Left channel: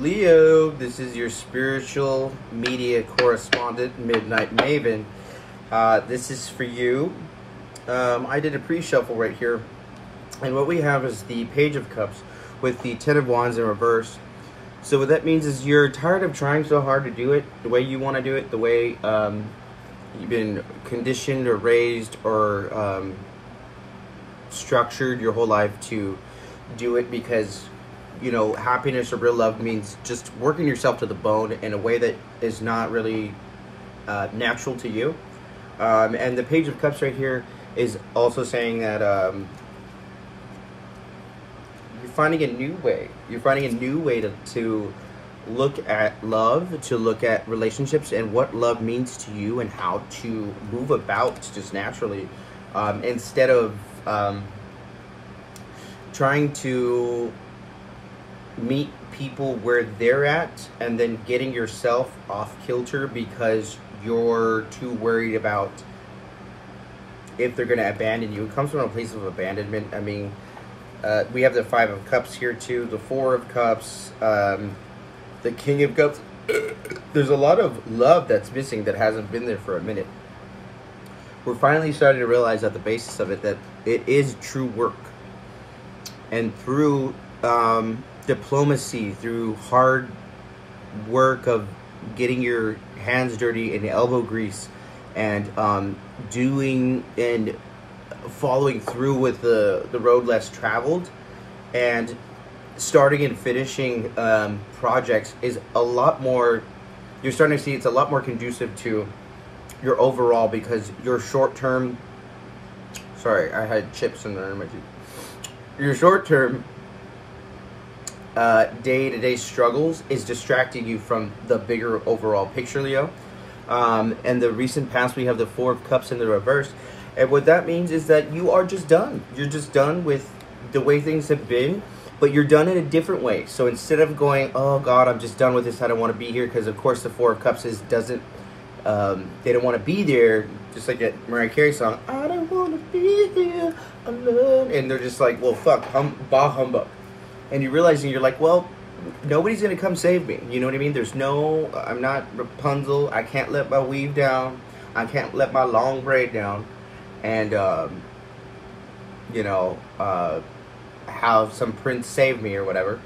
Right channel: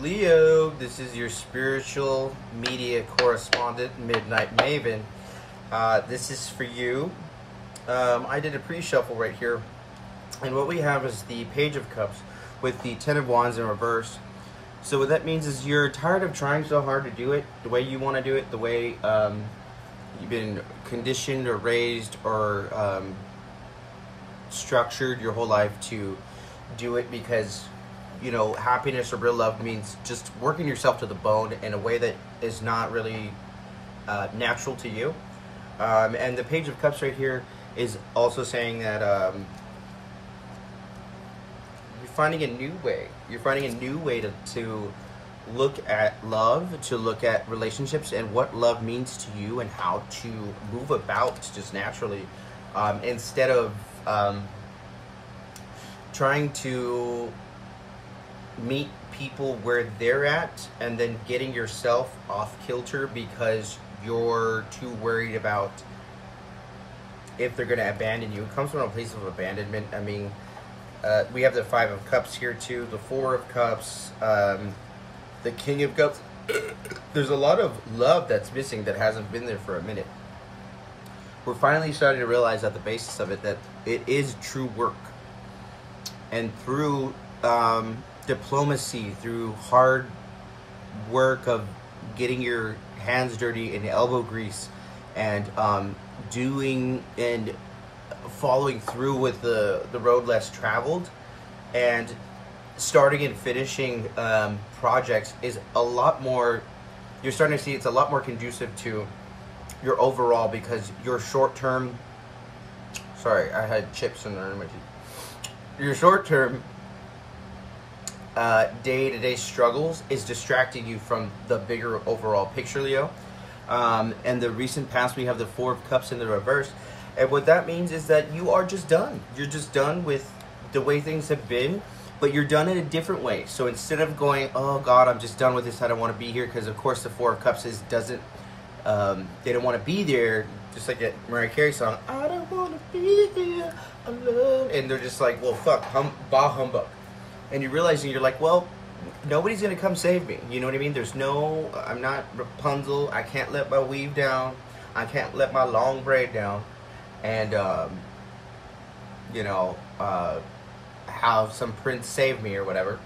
Leo, this is your spiritual media correspondent, Midnight Maven. This is for you. I did a pre-shuffle right here, and what we have is the Page of Cups with the Ten of Wands in reverse. So what that means is you're tired of trying so hard to do it the way you want to do it, the way you've been conditioned or raised or structured your whole life to do it, because you know, happiness or real love means just working yourself to the bone in a way that is not really natural to you. And the Page of Cups right here is also saying that you're finding a new way. You're finding a new way to look at love, to look at relationships and what love means to you and how to move about just naturally, instead of trying to meet people where they're at and then getting yourself off kilter because you're too worried about if they're going to abandon you. It comes from a place of abandonment. I mean, we have the Five of Cups here too, the Four of Cups, the King of Cups. There's a lot of love that's missing that hasn't been there for a minute. We're finally starting to realize at the basis of it that it is true work, and through diplomacy, through hard work of getting your hands dirty and elbow grease, and doing and following through with the road less traveled, and starting and finishing projects is a lot more, you're starting to see it's a lot more conducive to your overall, because your short-term, sorry, I had chips in there in my teeth. Your short-term day-to-day struggles is distracting you from the bigger overall picture, Leo. And the recent past, we have the Four of Cups in the reverse, and what that means is that you are just done. You're just done with the way things have been, but you're done in a different way. So instead of going, oh God, I'm just done with this, I don't want to be here, because of course the Four of Cups is doesn't they don't want to be there, just like that Mariah Carey song, I don't want to be here alone, and they're just like, well, fuck, bah humbug. And you're realizing, you're like, well, nobody's going to come save me. You know what I mean? There's no, I'm not Rapunzel. I can't let my weave down. I can't let my long braid down. And, you know, have some prince save me or whatever.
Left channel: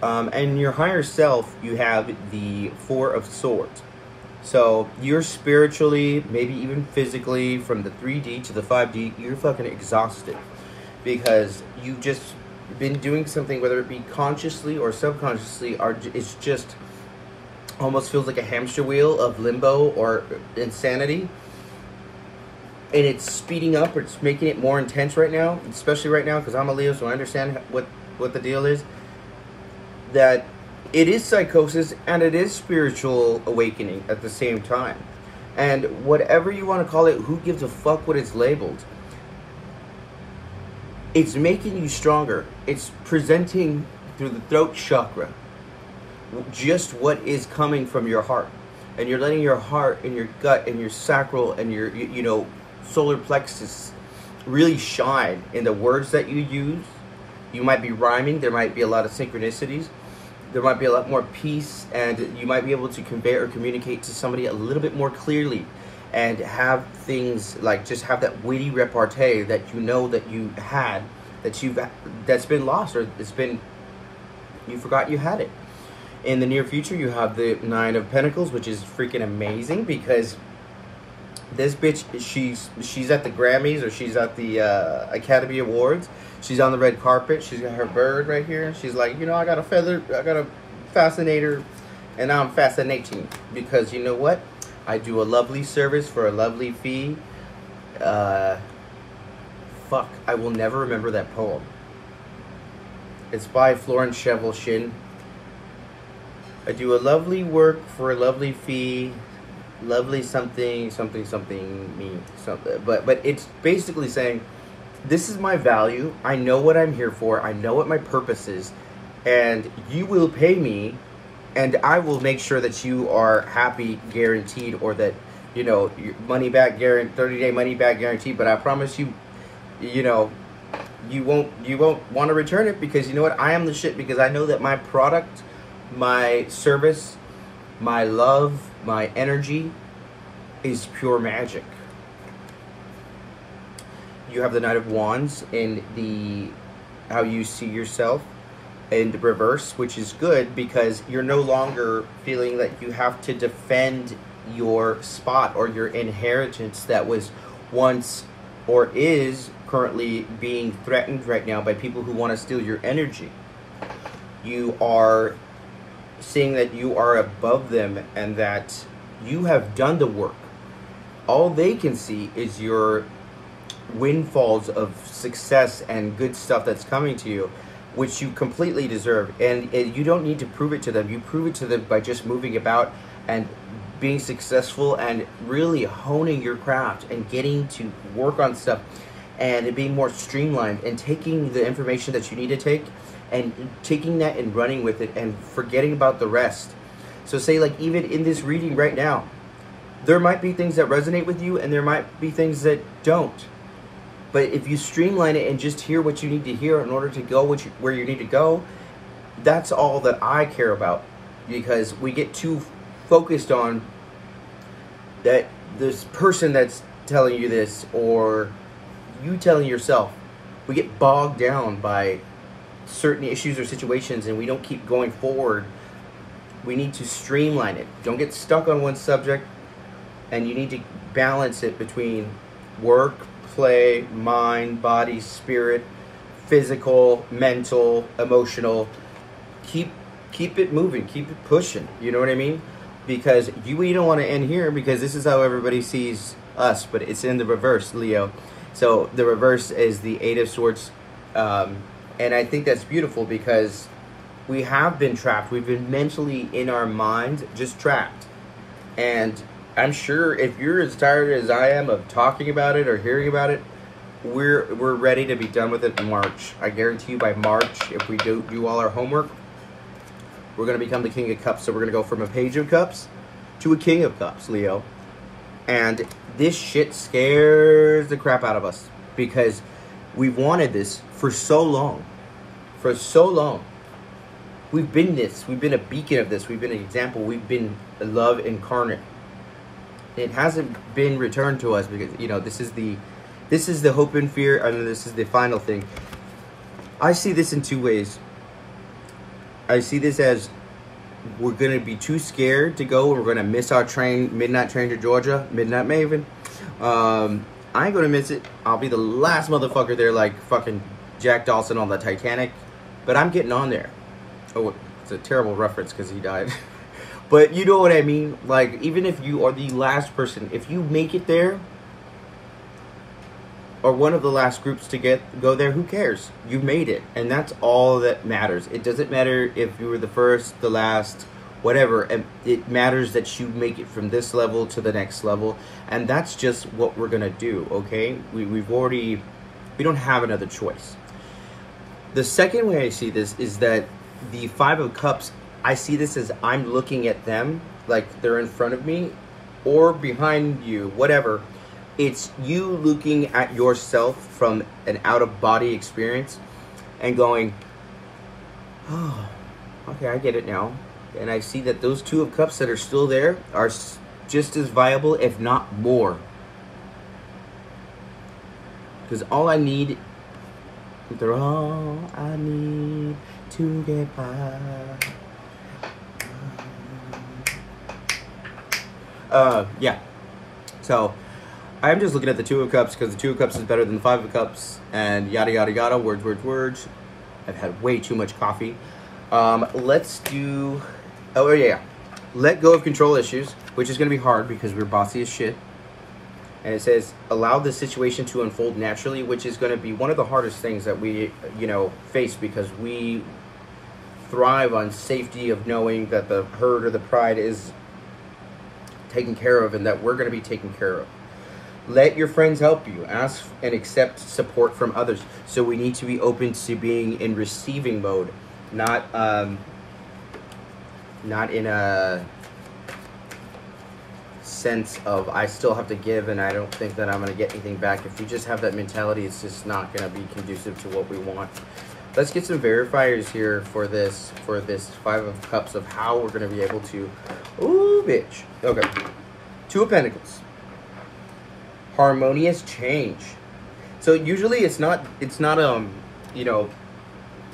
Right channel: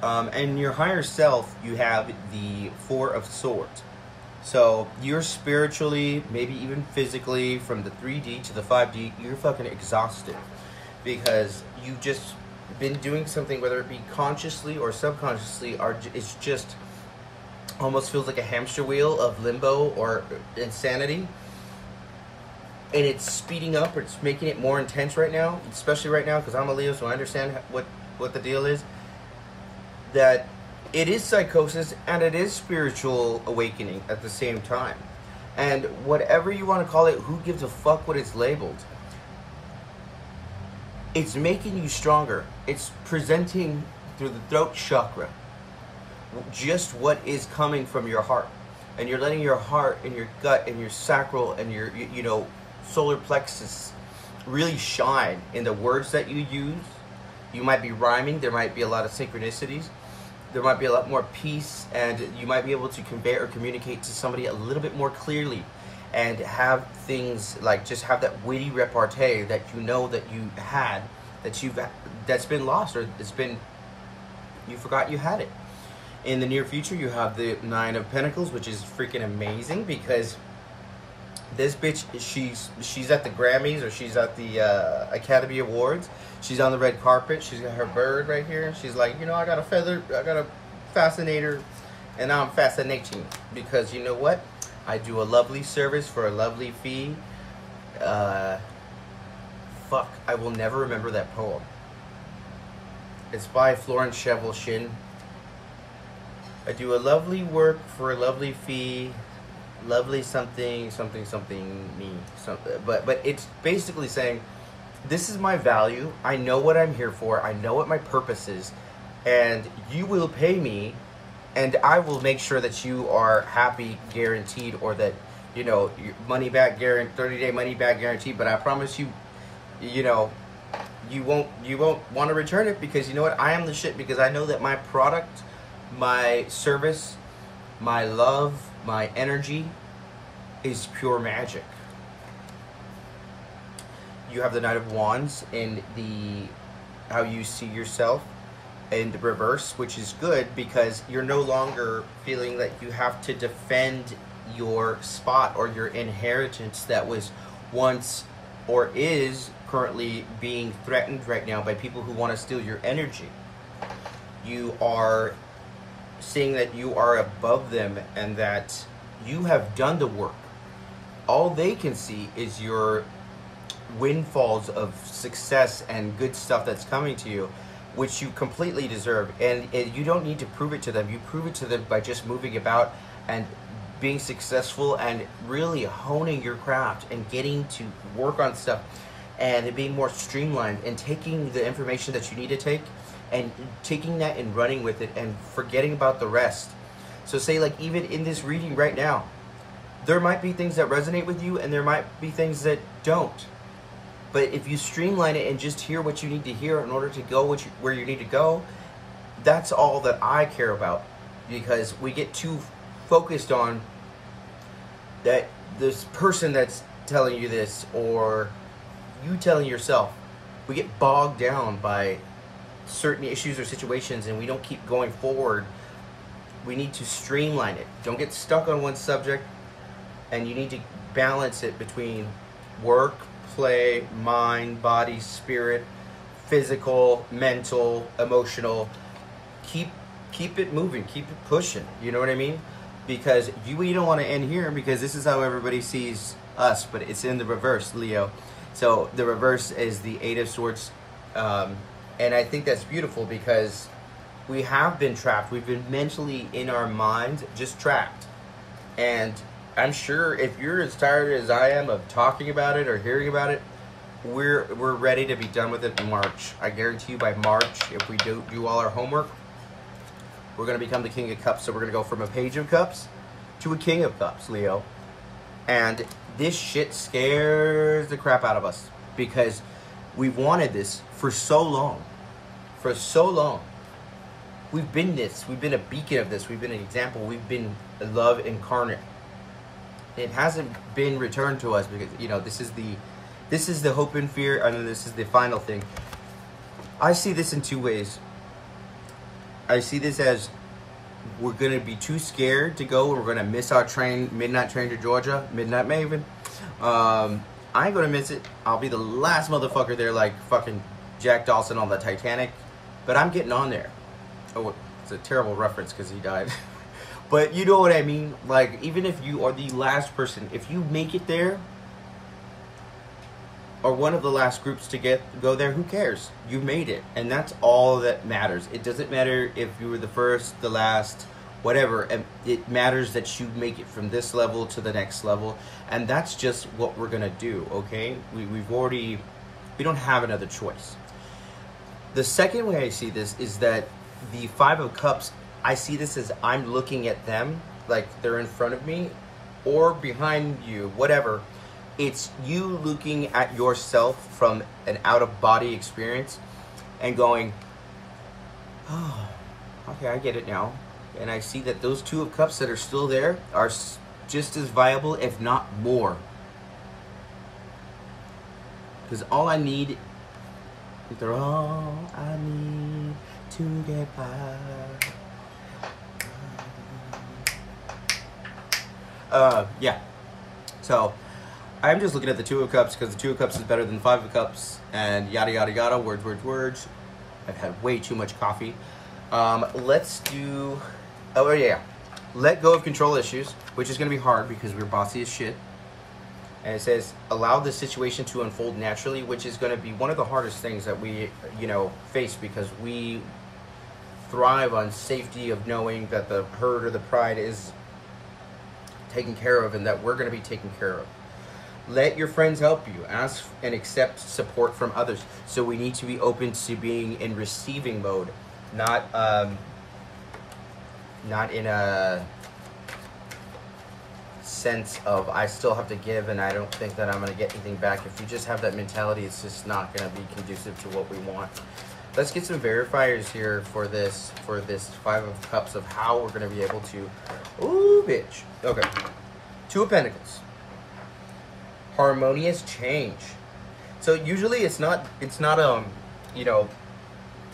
And your higher self, you have the Four of Swords. So you're spiritually, maybe even physically, from the 3D to the 5D, you're fucking exhausted. Because you've just been doing something, whether it be consciously or subconsciously, it's just almost feels like a hamster wheel of limbo or insanity, and it's speeding up, or it's making it more intense right now, especially right now, because I'm a Leo, so I understand what the deal is, that it is psychosis and it is spiritual awakening at the same time. And whatever you want to call it, who gives a fuck what it's labeled? It's making you stronger. It's presenting through the throat chakra just what is coming from your heart. And you're letting your heart and your gut and your sacral and your, you know, solar plexus really shine in the words that you use. You might be rhyming. There might be a lot of synchronicities. There might be a lot more peace. And you might be able to convey or communicate to somebody a little bit more clearly. And have things like, just have that witty repartee that you know that you had, that's been lost, or it's been, you forgot you had it. In the near future, you have the Nine of Pentacles, which is freaking amazing, because this bitch, she's at the Grammys, or she's at the Academy Awards. She's on the red carpet. She's got her bird right here. She's like, you know, I got a feather, I got a fascinator, and now I'm fascinating, because you know what? I do a lovely service for a lovely fee. Fuck, I will never remember that poem. It's by Florence Scovel Shinn. I do a lovely work for a lovely fee. Lovely something, something, something, me, something. But it's basically saying, this is my value. I know what I'm here for. I know what my purpose is. And you will pay me, and I will make sure that you are happy, guaranteed, or that, you know, your money back guarantee, 30-day money back guarantee. But I promise you, you know, you won't want to return it, because you know what? I am the shit, because I know that my product My service, my love, my energy is pure magic. You have the Knight of Wands in the how you see yourself in the reverse, which is good because you're no longer feeling that you have to defend your spot or your inheritance that was once or is currently being threatened right now by people who want to steal your energy. You are seeing that you are above them and that you have done the work. All they can see is your windfalls of success and good stuff that's coming to you, which you completely deserve. And you don't need to prove it to them. You prove it to them by just moving about and being successful and really honing your craft and getting to work on stuff and being more streamlined and taking the information that you need to take and taking that and running with it and forgetting about the rest. So say, like, even in this reading right now, there might be things that resonate with you and there might be things that don't. But if you streamline it and just hear what you need to hear in order to go where you need to go, that's all that I care about. Because we get too focused on that this person that's telling you this or you telling yourself. We get bogged down by certain issues or situations and we don't keep going forward. We need to streamline it. Don't get stuck on one subject, and you need to balance it between work, play, mind, body, spirit, physical, mental, emotional. Keep it moving, keep it pushing, you know what I mean? Because we don't want to end here, because this is how everybody sees us, but it's in the reverse, Leo. So the reverse is the Eight of Swords, and I think that's beautiful because we have been trapped. We've been mentally in our minds just trapped. And I'm sure if you're as tired as I am of talking about it or hearing about it, we're ready to be done with it in March. I guarantee you by March, if we do all our homework, we're going to become the King of Cups. So we're going to go from a Page of Cups to a King of Cups, Leo. And this shit scares the crap out of us because we've wanted this for so long. For so long. We've been this. We've been a beacon of this. We've been an example. We've been love incarnate. It hasn't been returned to us because, you know, this is the hope and fear. I mean, this is the final thing. I see this in two ways. I see this as we're going to be too scared to go and we're going to miss our train, midnight train to Georgia, Midnight Maven. I ain't going to miss it. I'll be the last motherfucker there like fucking Jack Dawson on the Titanic. But I'm getting on there. Oh, it's a terrible reference because he died. But you know what I mean? Like, even if you are the last person, if you make it there, or one of the last groups to go there, who cares? You made it, and that's all that matters. It doesn't matter if you were the first, the last, whatever. It matters that you make it from this level to the next level, and that's just what we're gonna do. Okay? We don't have another choice. The second way I see this is that the Five of Cups, I see this as I'm looking at them like they're in front of me or behind you, whatever. It's you looking at yourself from an out-of-body experience and going, oh, okay, I get it now. And I see that those Two of Cups that are still there are just as viable, if not more. Because all I need, they're all I need to get by. Yeah. So I'm just looking at the Two of Cups because the Two of Cups is better than the Five of Cups, and yada yada yada, words, words, words. I've had way too much coffee. Let's do, oh yeah, let go of control issues, which is going to be hard because we're bossy as shit. And it says, allow the situation to unfold naturally, which is going to be one of the hardest things that we, you know, face because we thrive on safety of knowing that the herd or the pride is taken care of and that we're going to be taken care of. Let your friends help you. Ask and accept support from others. So we need to be open to being in receiving mode, not in a sense of I still have to give and I don't think that I'm going to get anything back. If you just have that mentality, it's just not going to be conducive to what we want. let's get some verifiers here for this 5 of Cups of how we're gonna be able to. Ooh, bitch. Okay. 2 of Pentacles. Harmonious change. So usually it's not you know,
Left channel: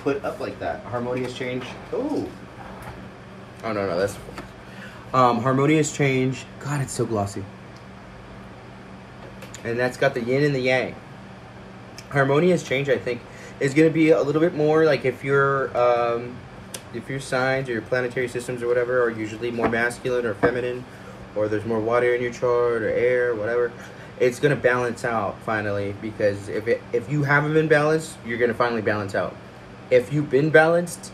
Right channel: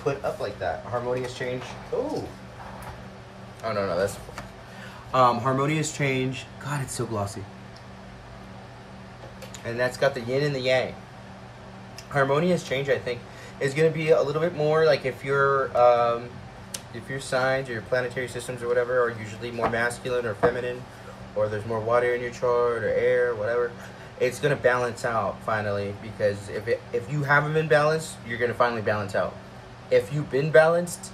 put up like that. Harmonious change. Ooh. Oh no, that's harmonious change. God, it's so glossy. And that's got the yin and the yang. Harmonious change, I think, is going to be a little bit more like if your signs or your planetary systems or whatever are usually more masculine or feminine, or there's more water in your chart or air or whatever, it's going to balance out finally, because if you haven't been balanced, you're going to finally balance out. If you've been balanced,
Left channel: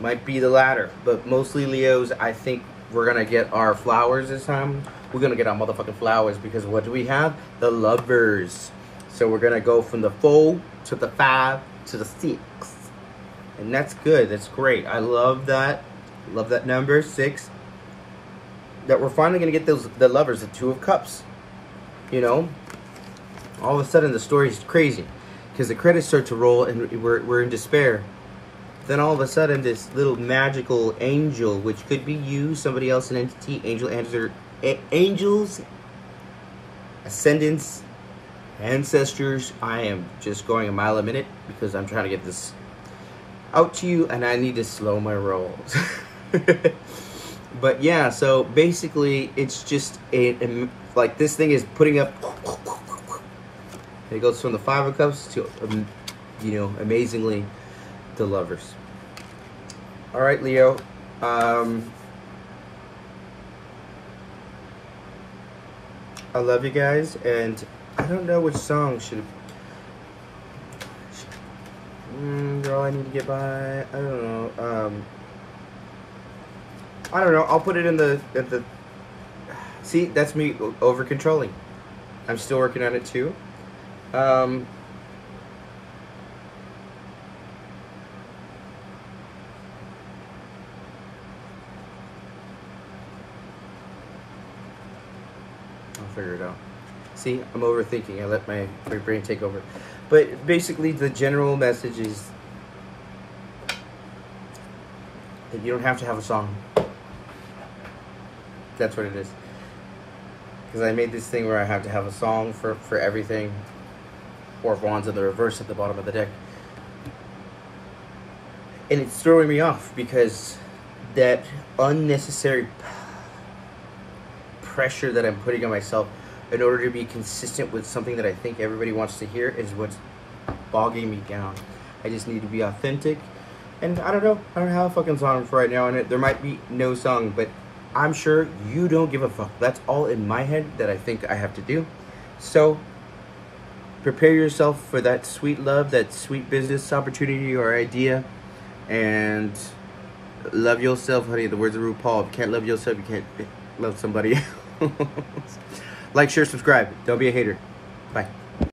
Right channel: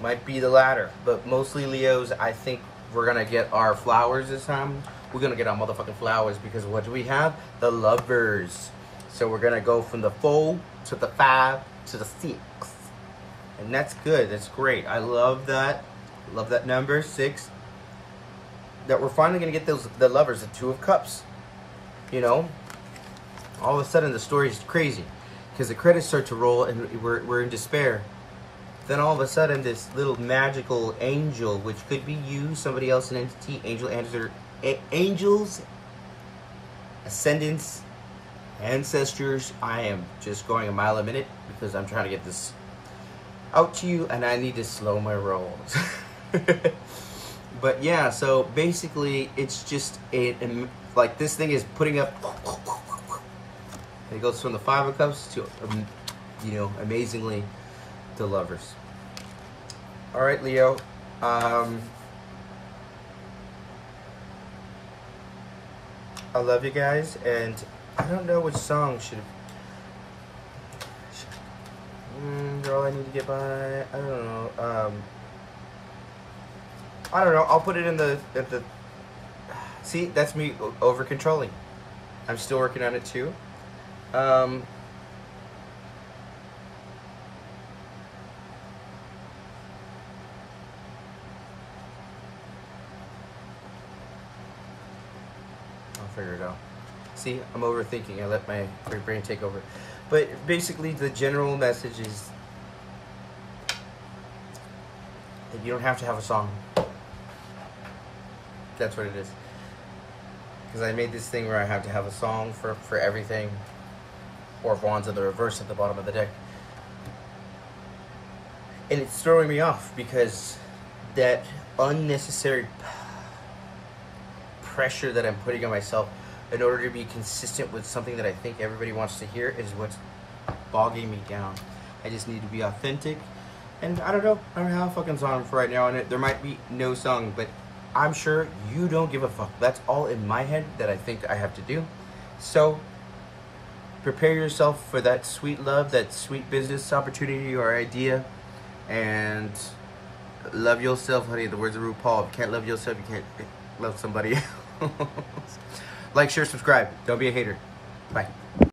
might be the latter, but mostly Leos, I think we're going to get our flowers this time. We're going to get our motherfucking flowers, because what do we have? The Lovers. So we're going to go from the 4 to the 5 to the 6. And that's good. That's great. I love that. Love that number, 6. That we're finally going to get the Lovers, the 2 of Cups. You know? All of a sudden the story's crazy, because the credits start to roll and we're in despair. Then all of a sudden this little magical angel, which could be you, somebody else, an entity, angels, ascendants, ancestors. I am just going a mile a minute because I'm trying to get this out to you, and I need to slow my rolls. But yeah, so basically it's just like this thing is putting up. It goes from the 5 of Cups to you know, amazingly, the Lovers. All right, Leo. I love you guys, and I don't know which song should. Girl, I need to get by. I don't know. I don't know. I'll put it in the. See, that's me over controlling. I'm still working on it too. I'll figure it out. See, I'm overthinking. I let my brain take over. But basically, the general message is that you don't have to have a song. That's what it is. Because I made this thing where I have to have a song for everything. Four of Wands in the reverse at the bottom of the deck. And it's throwing me off because that unnecessary pressure that I'm putting on myself in order to be consistent with something that I think everybody wants to hear is what's bogging me down. I just need to be authentic. And I don't know. I don't have a fucking song for right now, and there might be no song, but I'm sure you don't give a fuck. That's all in my head that I think I have to do. So prepare yourself for that sweet love, that sweet business opportunity or idea, and love yourself, honey. The words of RuPaul: if you can't love yourself, you can't love somebody else. Like, share, subscribe. Don't be a hater. Bye.